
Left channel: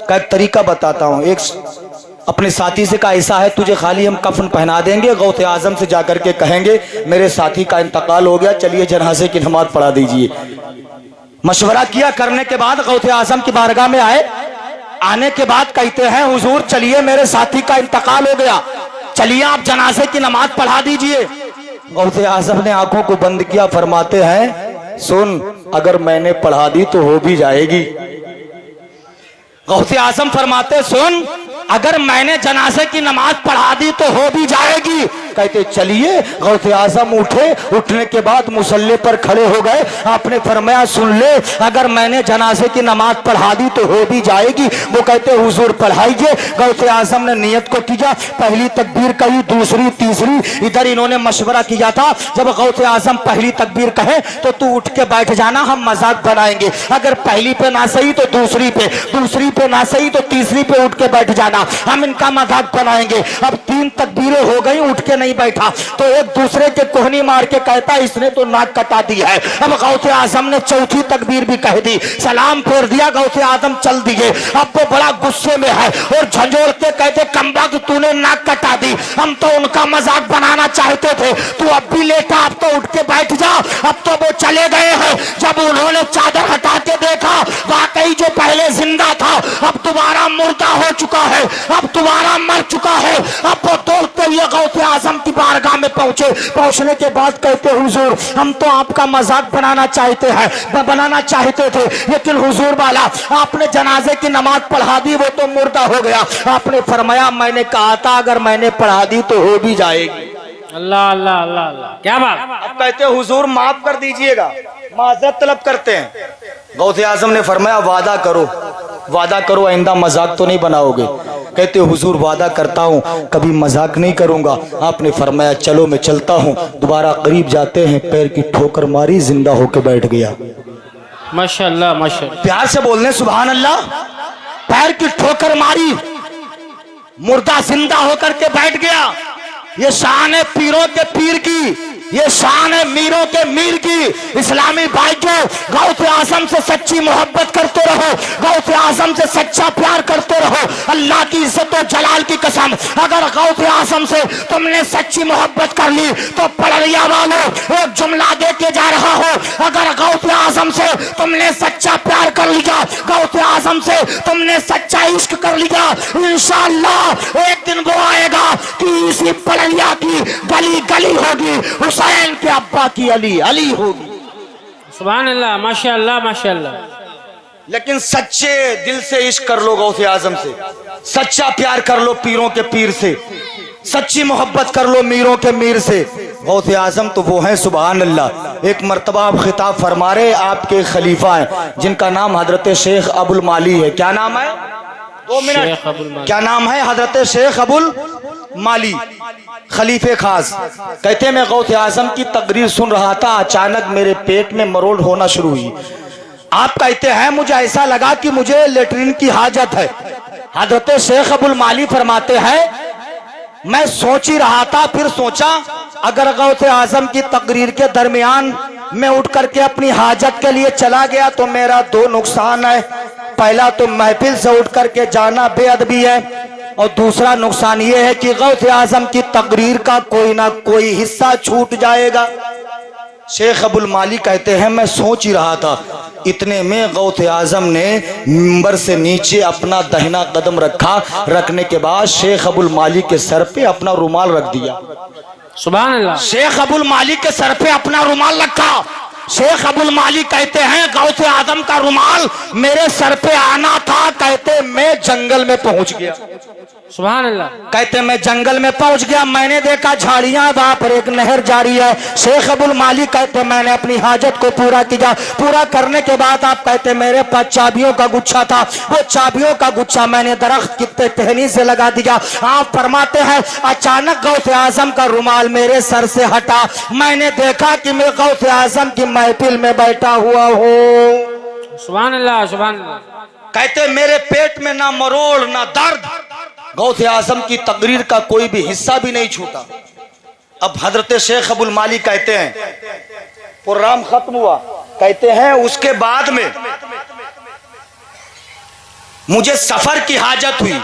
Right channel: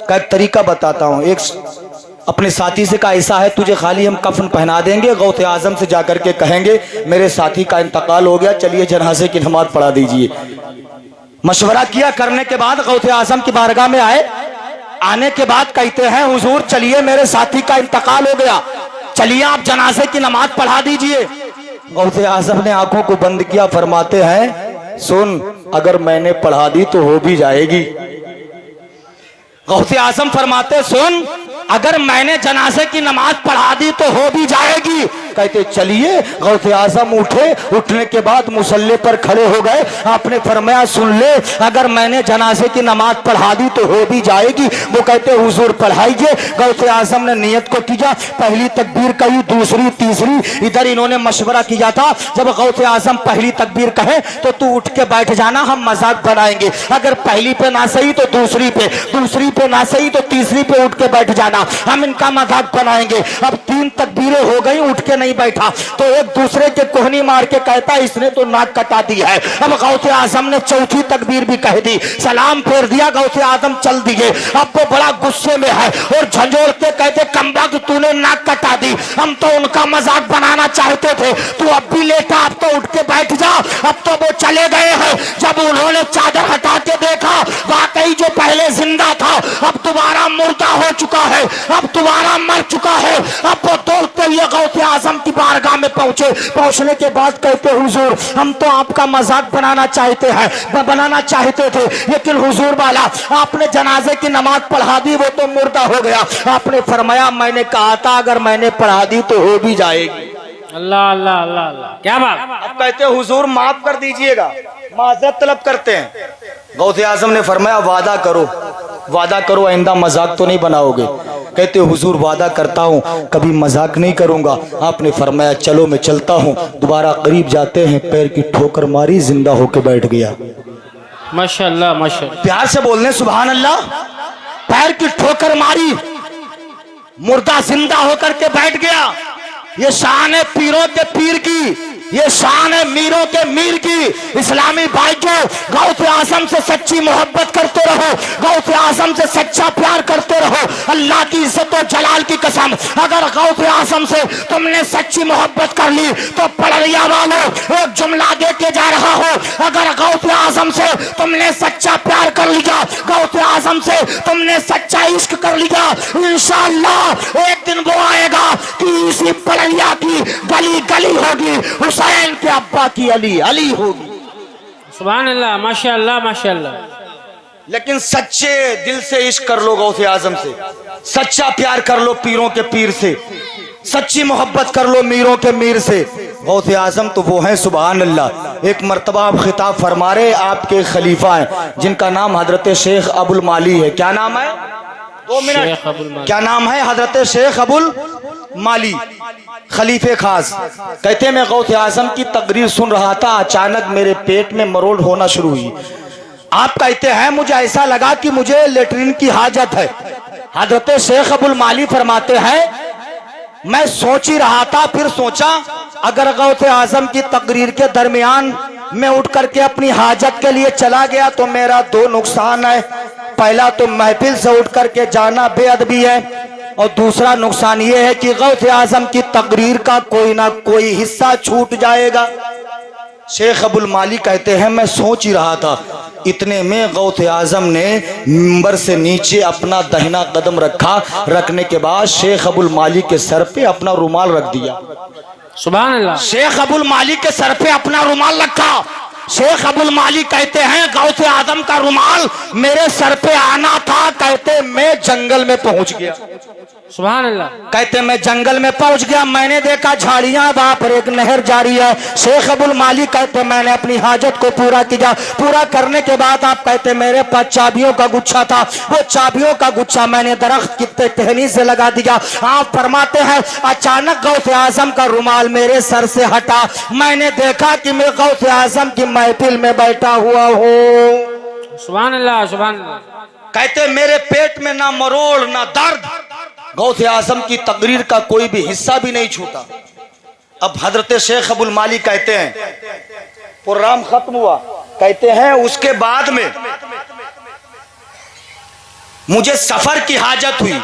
کا ایک طریقہ بتاتا ہوں. ایک اپنے ساتھی سے کہا ایسا ہے تجھے خالی ہم کفن پہنا دیں گے, غوث اعظم سے جا کر کے کہیں گے میرے ساتھی کا انتقال ہو گیا, چلیے جنازے کی نماز پڑھا دیجئے. مشورہ کیا, کرنے کے بعد غوث اعظم کی بارگاہ میں آئے. آنے کے بعد کہتے ہیں حضور چلیے میرے ساتھی کا انتقال ہو گیا, چلیے آپ جنازے کی نماز پڑھا دیجئے. غوث اعظم نے آنکھوں کو بند کیا, فرماتے ہیں سن اگر میں نے پڑھا دی تو ہو بھی جائے گی. غوث اعظم فرماتے سن اگر میں نے جنازے کی نماز پڑھا دی تو ہو بھی جائے گی. کہتے چلیے. غوث اعظم اٹھے, اٹھنے کے بعد مصلی پر کھڑے ہو گئے. آپ نے فرمایا سن لے اگر میں نے جنازے کی نماز پڑھا دی تو ہو بھی جائے گی. وہ کہتے حضور پڑھائیے. غوث اعظم نے نیت کو کیا, پہلی تکبیر کہی, دوسری, تیسری. ادھر انہوں نے مشورہ کیا تھا جب غوث اعظم پہلی تکبیر کہے تو تو اٹھ کے بیٹھ جانا, ہم مذاق بنائیں گے. اگر پہلی پہ نہ صحیح تو دوسری پہ, دوسری پہ نہ صحیح تو تیسری پہ اٹھ کے بیٹھ جانا, ہم ان کا مذاق بنائیں گے. اب 3 تکبیریں ہو گئی, اٹھ کے نہیں بیٹھا تو ایک دوسرے کے کوہنی مار کے کہتا اس نے تو ناک کٹا دی ہے. اب غوث اعظم نے چوتھی تکبیر بھی کہہ دی, سلام پھیر دیا, غوث اعظم چل دیے. اب وہ بڑا غصے میں ہے اور جھنجھوڑ کے کہتے کمبخت تو نے ناک کٹا دی, ہم تو ان کا مذاق بنانا چاہتے تھے, تو اب بھی لیٹا, اب تو اٹھ کے بیٹھ جا. اب تو وہ چلے گئے ہیں. جب انہوں نے چادر ہٹا کے دیکھا واقعی جو پہلے زندہ تھا اب دوبارہ مردہ ہو چکا ہے, اب دوبارہ مر چکا ہے. اب وہ دوڑتے ہوئے غوث اعظم کی بارگاہ میں پہنچے. پہنچنے کے بعد کہتے حضور ہم تو آپ کا مذاق بنانا چاہتے تھے, لیکن حضور والا آپ نے جنازے کی نماز پڑھا دی, وہ تو مردہ ہو گیا. آپ نے فرمایا میں نے کہا تھا اگر میں نے پڑھا دی تو ہو بھی جائے گی. اللہ اللہ اللہ اللہ کیا بات. اب کہتے حضور معاف کر دیجئے گا, معذرت طلب کرتے ہیں. غوث اعظم نے فرمایا وعدہ کرو, وعدہ کرو آئندہ مذاق تو نہیں بناؤ گے. کہتے حضور وعدہ کرتا ہوں کبھی مذاق نہیں کروں گا. آپ نے فرمایا چلو میں چلتا ہوں. دوبارہ قریب جاتے ہیں, پیر کی ٹھوکر ماری, زندہ ہو کے بیٹھ گیا. ماشاءاللہ ماشاءاللہ پیار سے بولنے سبحان اللہ. پیر کی ٹھوکر ماری, مردہ زندہ ہو کر کے بیٹھ گیا. یہ شان ہے پیروں کے پیر کی, یہ شان ہے میروں کے میر کی. اسلامی بھائیوں غوث اعظم سے سچی محبت کرتے رہو, غوث اعظم سے سچا پیار کرتے رہو. اللہ کی عزت و جلال کی قسم اگر غوث اعظم سے تم نے سچی محبت کر لی تو پڑھیا والوں ایک جملہ دے کے جا رہا ہو, اگر غوث اعظم سے تم نے سچا پیار کر لیا, غوث اعظم سے تم نے سچا عشق کر لیا, انشاءاللہ ایک دن وہ آئے گا کہ اسی پڑھیا کی گلی گلی ہوگی, حسین کے ابا کی علی علی ہوگی. سبحان اللہ ماشاءاللہ ماشاءاللہ. لیکن سچے دل سے عشق کر لو غوث اعظم سے, سچا پیار کر لو پیروں کے پیر سے, سچی محبت کر لو میروں کے میر سے. غوث اعظم تو وہ ہیں سبحان اللہ. ایک مرتبہ آپ خطاب فرما رہے, آپ کے خلیفہ ہیں جن کا نام حضرت شیخ ابو المالی ہے. کیا نام ہے؟ 2 منٹ. کیا نام ہے؟ حضرت شیخ ابو المالی خلیفہ خاص. کہتے میں غوث اعظم کی تقریر سن رہا تھا, اچانک میرے پیٹ میں مروڑ ہونا شروع ہوئی. آپ کہتے ہیں مجھے ایسا لگا کہ مجھے لیٹرین کی حاجت ہے. حضرت شیخ ابو المالی فرماتے ہیں میں سوچ ہی رہا تھا, پھر سوچا اگر غوث اعظم کی تقریر کے درمیان میں اٹھ کر کے اپنی حاجت کے لیے چلا گیا تو میرا 2 نقصان ہے. پہلا تو محفل سے اٹھ کر کے جانا بے ادبی ہے, اور دوسرا نقصان یہ ہے کہ غوث اعظم کی تقریر کا کوئی نہ کوئی حصہ چھوٹ جائے گا. شیخ ابو المالی کہتے ہیں میں سوچ ہی رہا تھا، اتنے میں غوث اعظم نے منبر سے نیچے اپنا دہنا قدم رکھا، رکھنے کے بعد شیخ ابو المالی کے سر پہ اپنا رومال رکھ دیا۔ سبحان اللہ۔ شیخ ابو المالی کے سر پہ اپنا رومال رکھا۔ شیخ ابو المالی کہتے ہیں غوث اعظم کا رومال میرے سر پہ آنا تھا، کہتے میں جنگل میں پہنچ گیا۔ سبحان اللہ۔ کہتے میں جنگل میں پہنچ گیا، میں نے دیکھا جھاڑیاں، وہاں پر ایک نہر جاری ہے۔ شیخ ابو المالی کہتے میں نے اپنی حاجت کو پورا کیا، پورا کرنے کے بعد آپ کہتے میرے پاس چابیوں کا گچھا تھا، وہ چابیوں کا گچھا میں نے درخت کی ٹہنی سے لگا دیا۔ آپ فرماتے ہیں اچانک غوث اعظم کا رومال میرے سر سے ہٹا، میں نے دیکھا کہ میں غوث اعظم کی محفل میں بیٹھا ہوا ہوں۔ سبحان اللہ سبحان اللہ۔ کہتے میرے پیٹ میں نہ مروڑ نہ درد، غوث اعظم کی تقریر کا کوئی بھی حصہ بھی نہیں چھوٹا۔ اب حضرت شیخ ابو المالی کہتے ہیں پروگرام ختم ہوا، کہتے ہیں اس کے بعد میں مجھے سفر کی حاجت ہوئی۔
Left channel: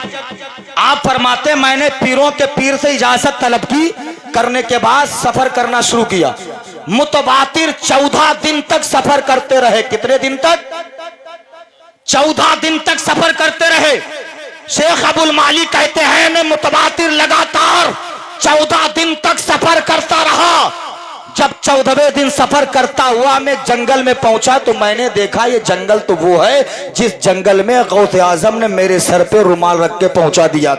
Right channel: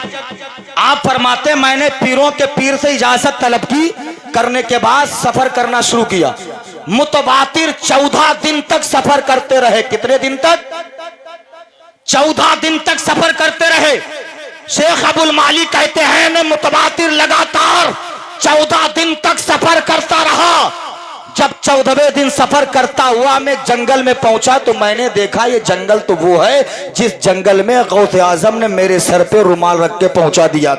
آپ فرماتے میں نے پیروں کے پیر سے اجازت طلب کی، کرنے کے بعد سفر کرنا شروع کیا۔ متواتر 14 دن تک سفر کرتے رہے۔ کتنے دن تک؟ 14 دن تک سفر کرتے رہے۔ شیخ ابو المالی کہتے ہیں میں متواتر لگاتار 14 دن تک سفر کرتا رہا۔ جب 14ویں دن سفر کرتا ہوا میں جنگل میں پہنچا تو میں نے دیکھا یہ جنگل تو وہ ہے جس جنگل میں غوث اعظم نے میرے سر پہ رومال رکھ کے پہنچا دیا۔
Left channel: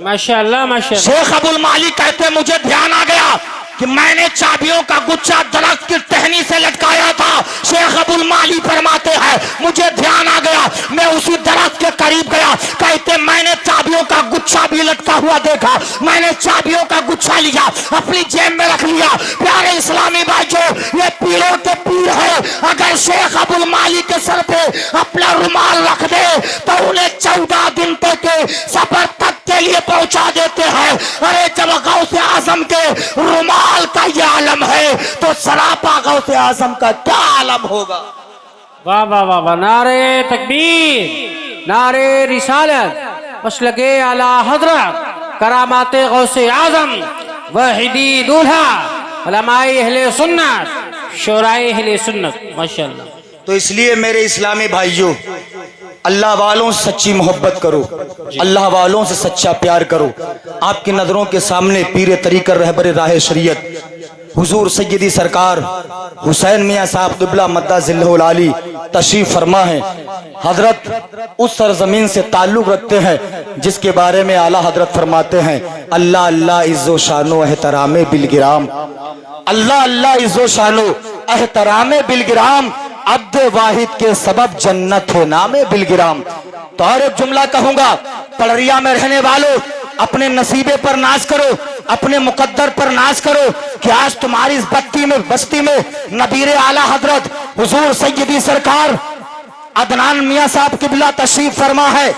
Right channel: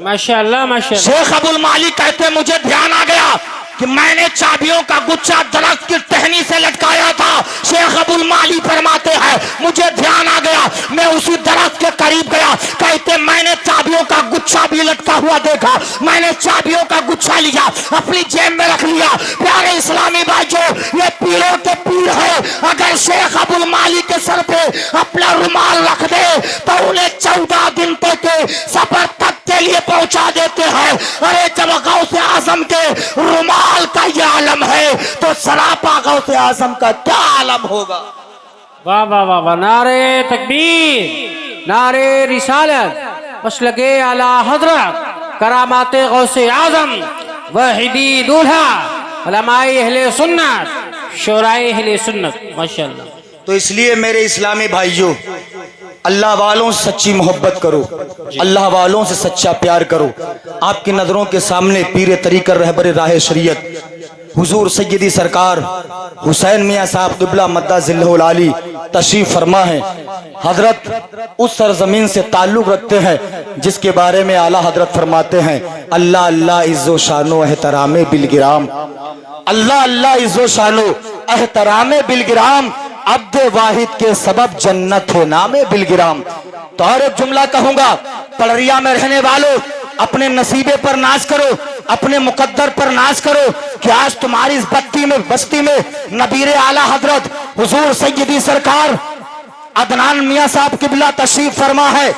ماشاءاللہ ماشاءاللہ۔ شیخ ابو المالی کہتے مجھے دھیان آ گیا کہ میں نے چابیوں کا گچھا درخت کی ٹہنی سے لٹکایا تھا۔ شیخ ابو المالی فرماتے ہیں مجھے دھیان آ گیا، میں اسی درخت کے قریب گیا، کہتے میں نے چابیوں کا گچھا بھی لٹکا ہوا دیکھا، میں نے چابیوں کا گچھا لیا، اپنی جیب میں رکھ لیا۔ پیارے اسلامی بھائیو، یہ پیروں کے پیر ہے، اگر شیخ ابو المالی کے سر پہ اپنا رومال رکھ دے تو انہیں 14 دن تک سفر تک کے لیے پہنچا دیتے ہیں۔ ارے جب غوث اعظم کے رومال کا یہ عالم ہے تو سراپا غوث اعظم کا کیا عالم ہوگا؟ واہ واہ واہ واہ، نعرے تکبیر، نعرے رسالت، مسلک اعلی حضرت، کرامات غوث اعظم، وحیدی دولہا، علماء اہل سنت، شورائے اہل سنت، ماشاءاللہ۔ تو اس لیے میرے اسلامی بھائیوں، اللہ والوں سے سچی محبت کرو، اللہ والوں سے سچا پیار کرو۔ آپ کی نظروں کے سامنے پیر طریقت رہبر راہ شریعت حضور سیدی سرکار حسین میاں صاحب قبلہ مدہ ذلہ العالی تشریف فرما ہے۔ حضرت اس سرزمین سے تعلق رکھتے ہیں جس کے بارے میں اعلیٰ حضرت فرماتے ہیں اللہ اللہ عز و شان و احترام بالگرام، اللہ اللہ عز و شان و احترام بالگرام، عبد واحد کے سبب جنت ہے نام بالگرام۔ تو اور ایک جملہ کہوں گا، پڑریا میں رہنے والوں اپنے نصیبے پر ناز کرو، اپنے مقدر پر ناز کرو کہ آج تمہاری اس بستی میں نبیر اعلیٰ حضرت حضور سیدی سرکار عدنان میاں صاحب قبلہ تشریف فرما ہے،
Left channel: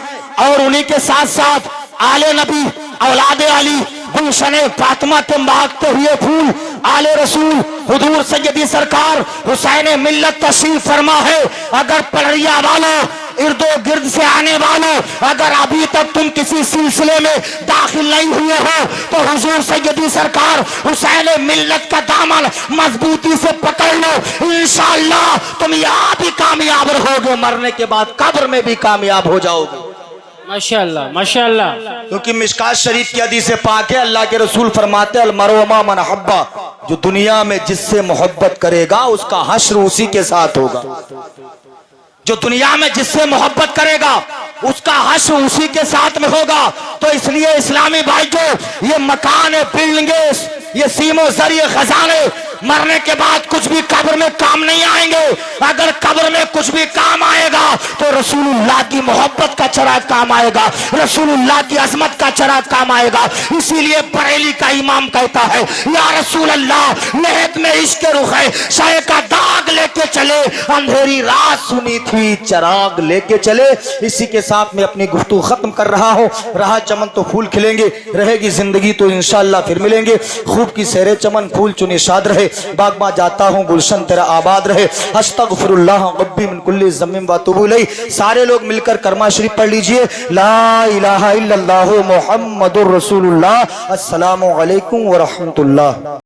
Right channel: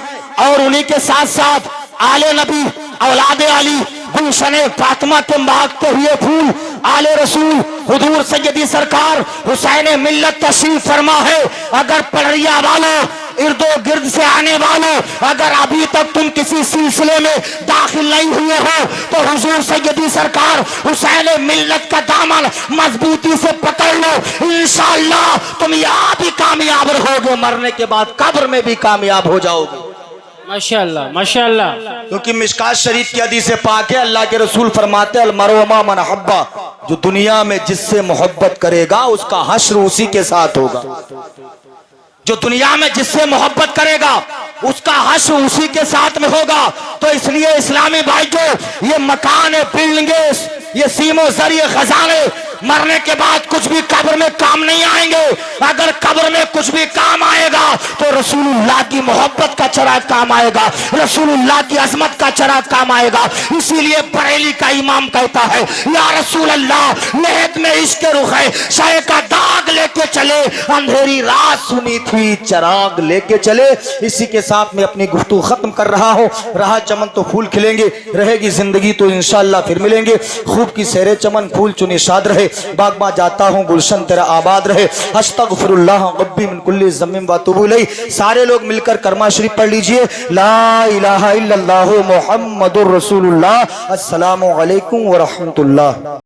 اور انہی کے ساتھ ساتھ آل نبی اولاد علی گلشن فاطمہ کے مہکتے ہوئے پھول آل رسول حضور سیدی سرکار حسین ملت تشریف فرما ہے۔ اگر پڑریا والوں ارد و گرد سے آنے والوں، اگر ابھی تک تم کسی سلسلے میں داخل نہیں ہوئے ہو تو حضور سیدی سرکار حسین ملت کا دامن مضبوطی سے پکڑ لو، انشاءاللہ تم یہاں بھی کامیاب رہو گے، مرنے کے بعد قبر میں بھی کامیاب ہو جاؤ گے۔ ماشاءاللہ ماشاءاللہ۔ کیونکہ مشکات شریف کی حدیث پاک ہے، اللہ کے رسول فرماتے ہیں المرء مع من احب، جو دنیا میں جس سے محبت کرے گا اس کا حشر اسی کے ساتھ ہوگا۔ جو دنیا میں جس سے محبت کرے گا اس کا حشر اسی کے ساتھ میں ہوگا۔ تو اس لیے اسلامی بھائیوں، یہ مکان بلڈنگیں، یہ سیم و زر، یہ خزانے مرنے کے بعد کچھ بھی قبر میں کام نہیں آئیں گے۔ اگر قبر میں کچھ بھی کام آئے گا تو رسول اللہ کی محبت کا چراغ کام آئے گا، رسول اللہ کی عظمت کا چراغ کام آئے گا۔ اسی لیے بریلی کا امام کہتا ہے یا رسول اللہ نہت میں عشق رخ ہے، شے کا داغ لے کے چلے، اندھیری رات سنی تھی چراغ لے کے چلے۔ اسی کے ساتھ میں اپنی گفتگو ختم کر رہا ہوں۔ رہا چمن تو پھول کھلیں گے، رہے گی زندگی تو انشاءاللہ پھر ملیں گے۔ خوب کی سیر چمن پھول چنی شاد رہے، باغباں جاتا ہوں گلشن تیرا آباد رہے، استغفر اللہ ربی من کل ذنب واتوب الیہ۔ سارے لوگ مل کر کلمہ شریف پڑھ لیجئے، لا الہ الا اللہ محمد الرسول اللہ۔ السلام علیکم ورحمۃ اللہ۔